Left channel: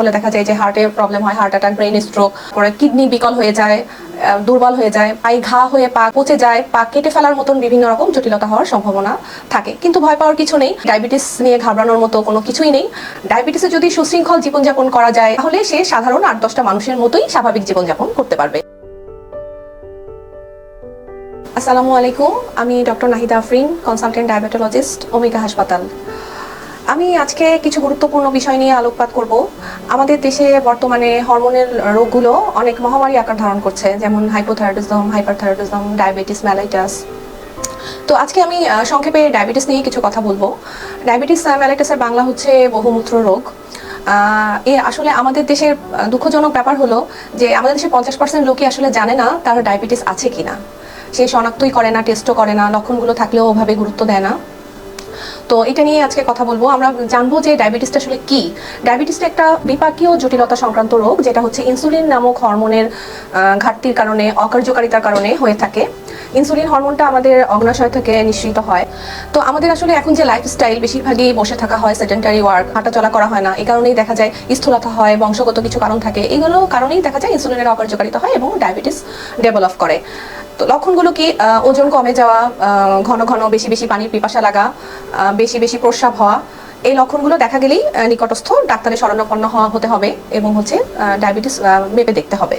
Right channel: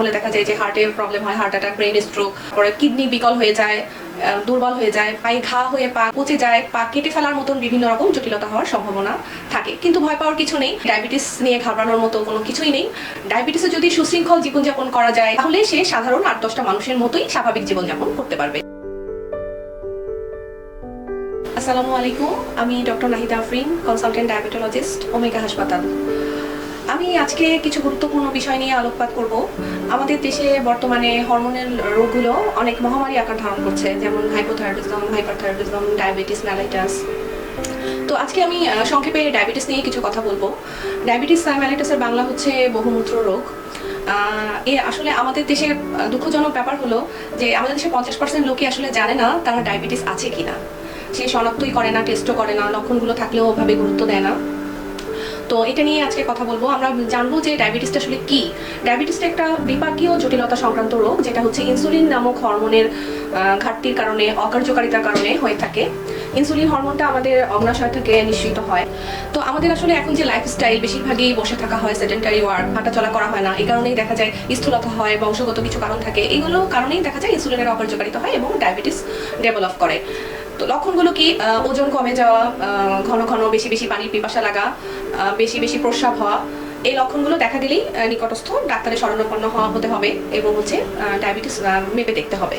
হলে দেখা যায় যে হার্টে প্রবলেম হয় হার্ট অ্যাটাক ব্রেন স্ট্রোক পরে কিডনি বিকল হয়ে যায় দুর্বল হয়ে যায়, পায়ে ঘা হয়ে পা পচে যায়, পা কেটে ফেলার মতন বিভিন্ন রকম জটিলতা হওয়ার সম্ভাবনা থাকে। কিন্তু ভয় পাওয়ার কিছু নেই ডায়াবেটিস নিয়ে ঘাবড়ানোর মতো কোনো কিছুই নেই। ডায়াবেটিসে যদি সুশৃঙ্খল জীবনযাপন করা যায়, তাহলে সে সাধারণ আট দশটা মানুষের মতোই স্বাভাবিক জীবনযাপন করতে পারবে। আসসালামু আলাইকুম, আমি doctor Nahida Afrin consultant diabetologist Omika হাসপাতাল। আজকে কিছু গুরুত্বপূর্ণ বিষয় নিয়ে আলোকপাত করব। আমাদের দেশে বর্তমানে হরমোনের রোগগুলো অনেক মহামারী আকার ধারণ করছে যেমন হাইপোথাইরয়েডিজম হাইপারথাইরয়েডিজম ডায়াবেটিস ম্যালাইটাস তো আজকে আমি সংক্ষেপে ডায়াবেটিস নিয়ে কিছু কথা বলব। ডায়াবেটিস ম্যালাইটাসের বাংলা হচ্ছে বহুমূত্র রোগ। এ আসলে আমাদের আহ, দুঃখজনক ব্যাপার হলো যে আমাদের দেশে পঞ্চাশ পার্সেন্ট লোকে আসলে জানে না তারা ডায়াবেটিস আছে কিনা। সে শনাক্তই করে না টেস্টও করে না লক্ষণগুলো থাকলেও ওভাবে গুরুত্ব দেয় না। তো এটা নিয়ে আজকে কথা বলব। আমরা জানব যে ডায়াবেটিসটা আসলে কি। ডায়াবেটিসটা একটা বিপাকীয় জটিলতা সংক্রান্ত রোগ, যেটা হচ্ছে ইনসুলিন নামক হরমোনের ঘাটতির কারণে, অকার্যকারিতার কারণে হয়ে থাকে। ইনসুলিন হরমোনটা আমাদের অগ্নাশয় থেকে নিঃসৃত হয়। তো আমাদের আসলে এখন যে লাইফস্টাইল বেশিরভাগই বসে থাকা হয় সেডেন্টারি ওয়ার্ক হাঁটা চলা করা হয় না, এই কারণেই দেখা যায় স্থূলতা হয়, বংশগত কিছু কারণ থাকে। এগুলো কারণেই দেখা যায় ইনসুলিনের অকার্যকারিতা হয় এবং ডায়াবেটিস ডেভেলপ করে। তো লক্ষণগুলো কি? ওজন কমে যাওয়া ঘন ঘন বেশি বেশি পানির পিপাসা লাগা বেশি বেশি প্রস্রাব হওয়া, এই লক্ষণগুলো দেখা গেলেই নিকটস্থ ডাক্তারের শরণাপন্ন হওয়া হতে হবে এবং হচ্ছে ডায়াবেটিস মেপে দেখতে হবে।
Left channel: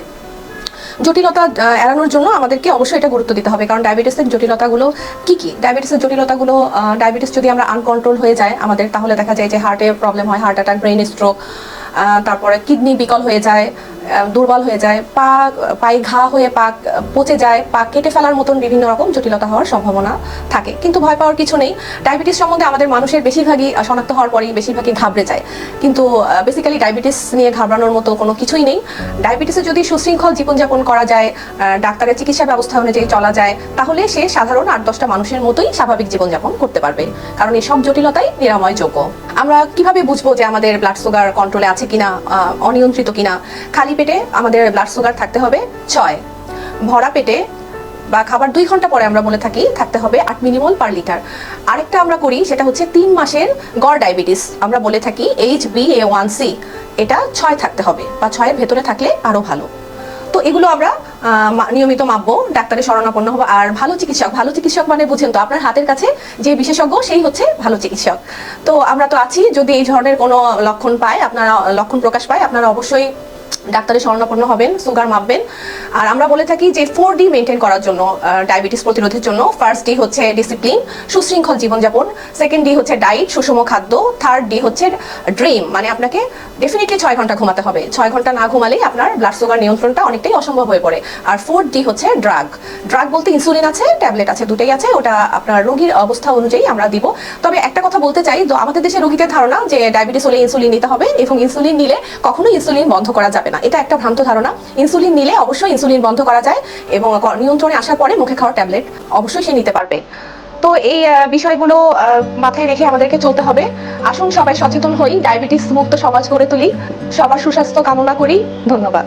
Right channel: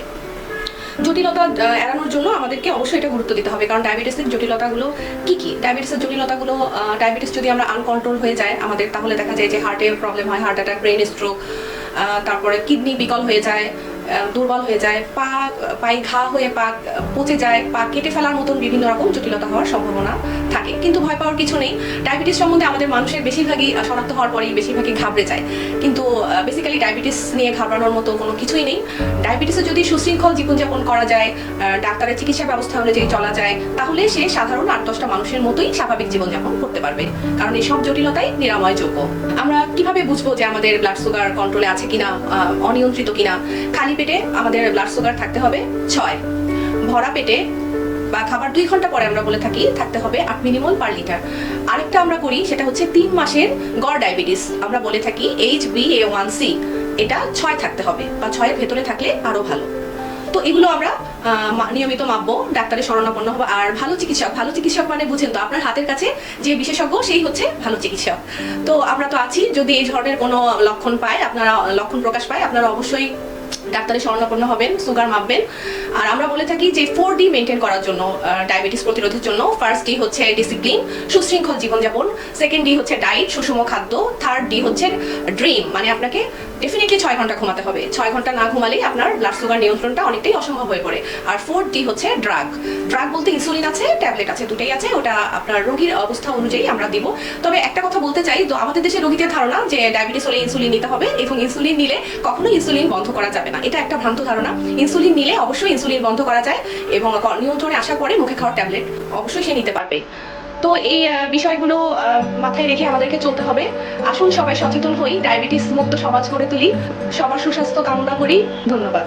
জটিলতা এড়ানোর জন্য আমাদেরকে অবশ্যই এটা গুরুত্ব দিতে হবে। কারণ ডায়াবেটিসের জটিলতাগুলো কি কি? ডায়াবেটিসের জটিলতাগুলো ডায়াবেটিস যদি আমরা আনকন্ট্রোল হয়ে যায় আমাদের, তাহলে দেখা যায় যে হার্টে প্রবলেম হয় হার্ট অ্যাটাক ব্রেন স্ট্রোক তারপরে কিডনি বিকল হয়ে যায় দুর্বল হয়ে যায়, পা, পায়ে ঘা হয়ে পা পচে যায়, পা কেটে ফেলার মতন বিভিন্ন রকম জটিলতা হওয়ার সম্ভাবনা থাকে। কিন্তু ভয় পাওয়ার কিছু নেই। ডায়াবেটিস সম্বন্ধে আমাদের মানুষের বেশিরভাগই শনাক্ত হওয়ার পরেই বেশিরভাগই ঘাবড়ে যায়। কিন্তু বেসিক্যালি ডায়াবেটিস নিয়ে ঘাবড়ানোর মতো কোনো কিছুই নেই। ডায়াবেটিসে যদি সুশৃঙ্খল জীবনযাপন করা যায় ডাক্তারের চিকিৎসা ব্যবস্থা অনুযায়ী চলা যায়, তাহলে সে সাধারণ আট দশটা মানুষের মতোই স্বাভাবিক জীবনযাপন করতে পারবে। কারণ এই সব জটিলতাই নিরাময়যোগ্য। আমরা কীভাবে বুঝব যে আমাদের ব্লাড সুগার কন্ট্রোলে আছে কিনা অনিয়ন্ত্রিত কিনা, খালি পেটে আমাদের ব্লাড সুগার থাকতে হবে ছয়। ভরা পেটে বা খাবার দুই ঘণ্টা পরে আমরা বলে থাকি, থাকতে হবে আট মিলিমল পার লিটার। আরেকটা আমরা করি, সেটা হচ্ছে তিন মাসের গড় ডায়াবেটিস। আমরা বলে থাকি H B A one C এটা ছয় থাকতে হবে বা ছয়ের ভেতরে থাকলে আরও ভালো। এগুলো আমরা নিয়মিত মাপবো, ডাক্তারের শরণাপন্ন হব। আর ভালো চিকিৎসক ভালো চিকিৎসক মানে বুঝেন তো, আপনার হাতের কাছে যে বিশেষজ্ঞ, সেই হচ্ছে ভালো চিকিৎসক। তো আমরা তো আছি, যদি এই ধরনের কোনো লক্ষণ পায়, আপনারা লক্ষণ প্রকাশ পায়, আপনারা অবশ্যই ডাক্তারের শরণাপন্ন হবেন, সুগার মাপবেন। আর আমরা বলে থাকি যে ফোর ডি মেনটেন করার জন্য ডায়াবেটিস প্রতিরোধের জন্য ফার্স্ট ডি হচ্ছে ডিসিপ্লিন সুশৃঙ্খল জীবনযাপন। সেকেন্ড ডি হচ্ছে ডায়েট সুষম খাদ্য। থার্ড ডি হচ্ছে ড্রিম মানে আপনাকে ডেফিনেটলি ছয় ঘণ্টা ঘুমাতে হবে। ছয় ঘণ্টা না ঘুমালেই আপনার ব্লাড সুগার নিয়ন্ত্রণটা অনেকটাই অসম্ভব হয়ে পড়ে। আর ফোর্থ ডি হচ্ছে ড্রাগ ড্রাগ বলতে ইনসুলিন আছে ট্যাবলেট আছে, দুটোই আছে, ওটা আপনার রোগীর অবস্থা অনুযায়ী আমরা দিব। তবে একটা কথা বলতে চাই আমাদের দেশে রোগীদের ধারণা যে ডায়াবেটিস হলে ইনসুলিন নিতে হবে এবং ইনসুলিন নিলে কখনো ইনসুলিন বন্ধ করা যাবে না। এটা একটা ভ্রান্ত ধারণা। ইনসুলিন নিলে অবশ্যই ইনসুলিন বন্ধ করা যায় এবং নিয়ন্ত্রণে আসার পরে মুখে খাওয়ার ট্যাবলেট অবশ্যই সে নিতে পারবে। তো এই বিষয়গুলো মাথায় রেখে আমাদেরকে চলতে হবে। আসুন সবাই সচেতন হই, ডায়াবেটিস মুক্ত সমাজ গড়ে তুলি। সবার সুস্বাস্থ্য কামনা করি। ধন্যবাদ।